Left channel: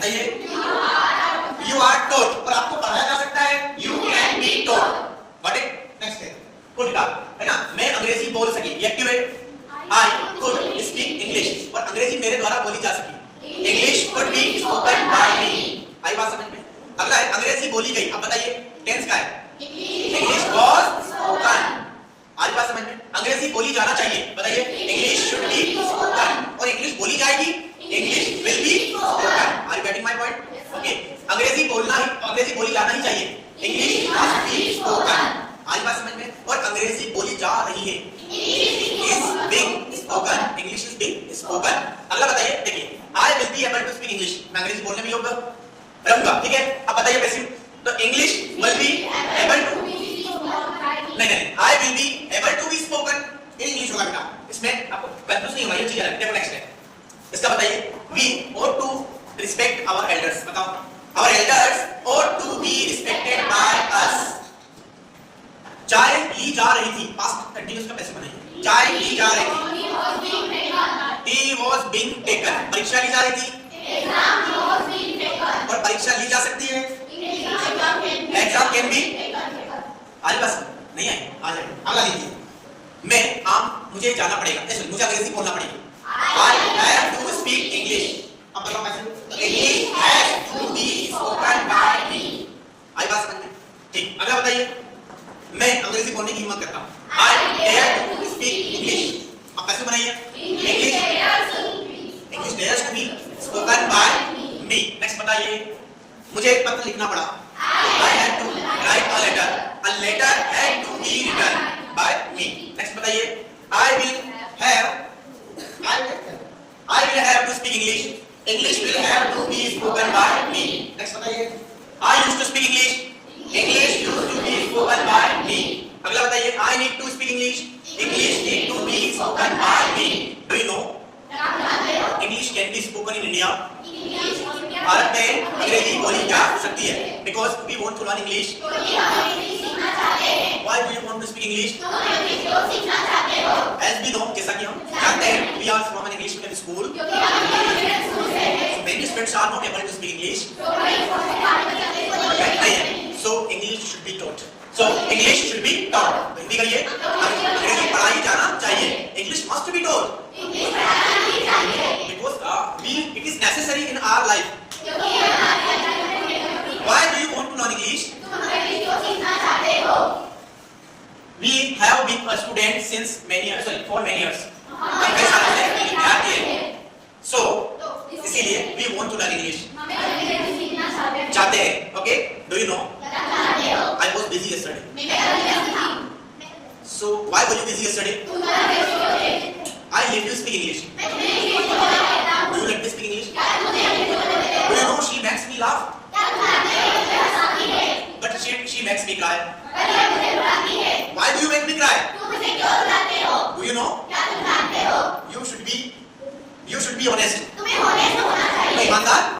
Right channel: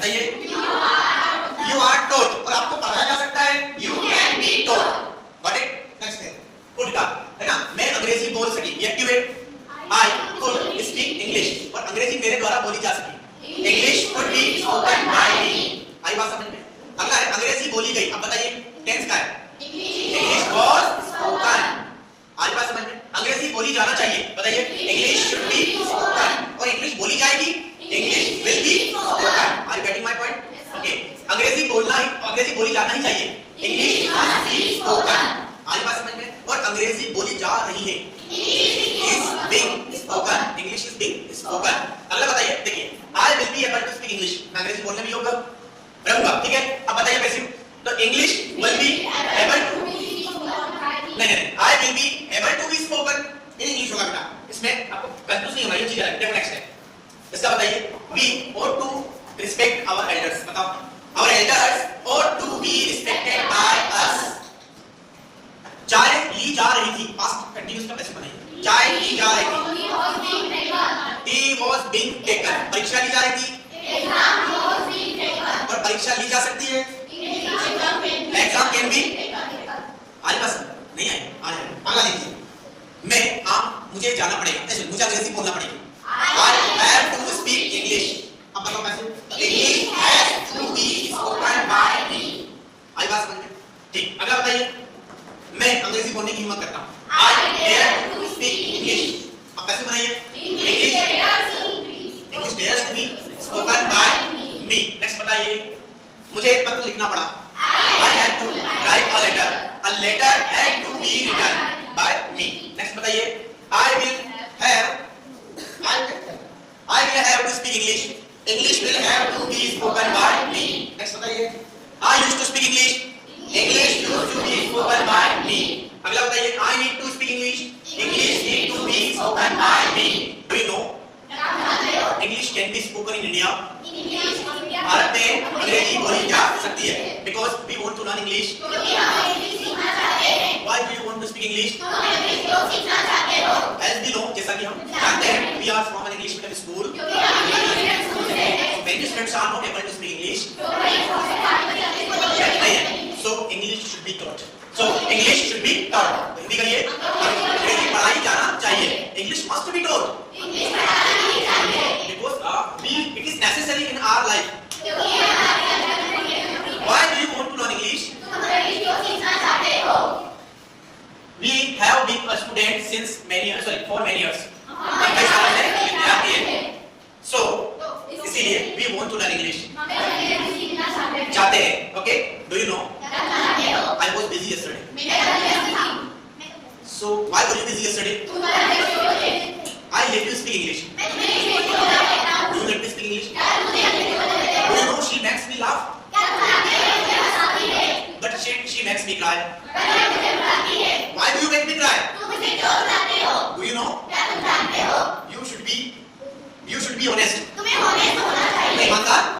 बताइए you are taught, और आपको पढ़ाया जा सकता है you can be taught. What it next है कुड का, है ना। मैं अंग्रेजी बोल सकी, ये एक्टिव है। आई कुड स्पीक इंग्लिश, और अंग्रेजी मेरे द्वारा बोली जा सकी। English could be spoken by me. आई बात समझ में? अगला है अंग्रेजी बोली गई। अब बताइए टेंस का है इंग्लिश वाज स्पोकन। आज बात समझ में? अंग्रेजी बोली जाना चाहिए, बताइए इंग्लिश शुड बी स्पोकन, और इंग्लिश बोली जाएगी English will be spoken. Are you getting my point? Okay, अंग्रेजी बोलना ही, अंग्रेजी बोली जाना ही चाहिए, इंग्लिश मस्ट बी स्पोकन। आज बात समझ में? और अंग्रेजी बोली जा रही है, is being spoken, English is being spoken. अगला बताइए, देखिए I will be able to speak English, मैं अंग्रेजी बोलने में योग्य रहूंगा, ठीक है। अब बताइए पैसिव, तो English will be able to, नहीं I will be able to be spoken in English होगा बेटा, इसमें आपको कंफ्यूज नहीं होना, ये चीज अलग। देखो नेक्स्ट है इसका, बताइए we ought to respect our elders, बताओ our elders ought to be respected by us। चाय ली जा रही थी, पास्ट कंटीन्यूअस का पैसे बनाइए, चाय ली जा रही थी, टी वाज बीइंग टेकन, परीक्षा ली जा रही थी, और परीक्षा ली जा सकती है, एग्जाम कैन बी। आज बस नहीं आई, आ जाए अगला देखिए, मुझे जाना पड़ेगा, मुझे अंग्रेजी बोलना पड़ेगी, I have to speak English। अब बताओ कैसे? English has to be spoken by me। आई बात समझ में? ठीक, अगला बताइए, मैं अंग्रेजी बोलने की हिम्मत करता हूँ, I dare to speak English। अब कैसे बनाइए? English dares to be spoken by me। Next बताइए, मुझे एक पत्र लिखना पड़ा, I had to write a letter had to be written by me। Next बताइए, I will have to speak English, English will have to be spoken by me। Next बताइए, I used to speak English, English used to be spoken by me। अगला बताइए, I need to speak English, English need to be spoken by me। Do you know English can be spoken in India? Bharat में अंग्रेजी बोली जा सकती है, because we want to learn English। Why do you want to speak English? As we know, जैसा कि हम जानते हैं, we are from an English medium school, so many students are not able to speak English, so English should be taught, so English should be taught। तो हिंदी करिए, अंग्रेजी पढ़ाई जाना चाहिए, English must be taught, because it is necessary in our life। Why do you want to learn English? We have been a student since for many years। So इसीलिए we want to learn English, चाहते हैं। Okay, do you know I was busy yesterday, so why were you busy yesterday? I let you speak English, do you let me speak English? Do you know she makes me laugh, but she makes me cry। Why do you make me cry? Do you know you should be honest, ईमानदार।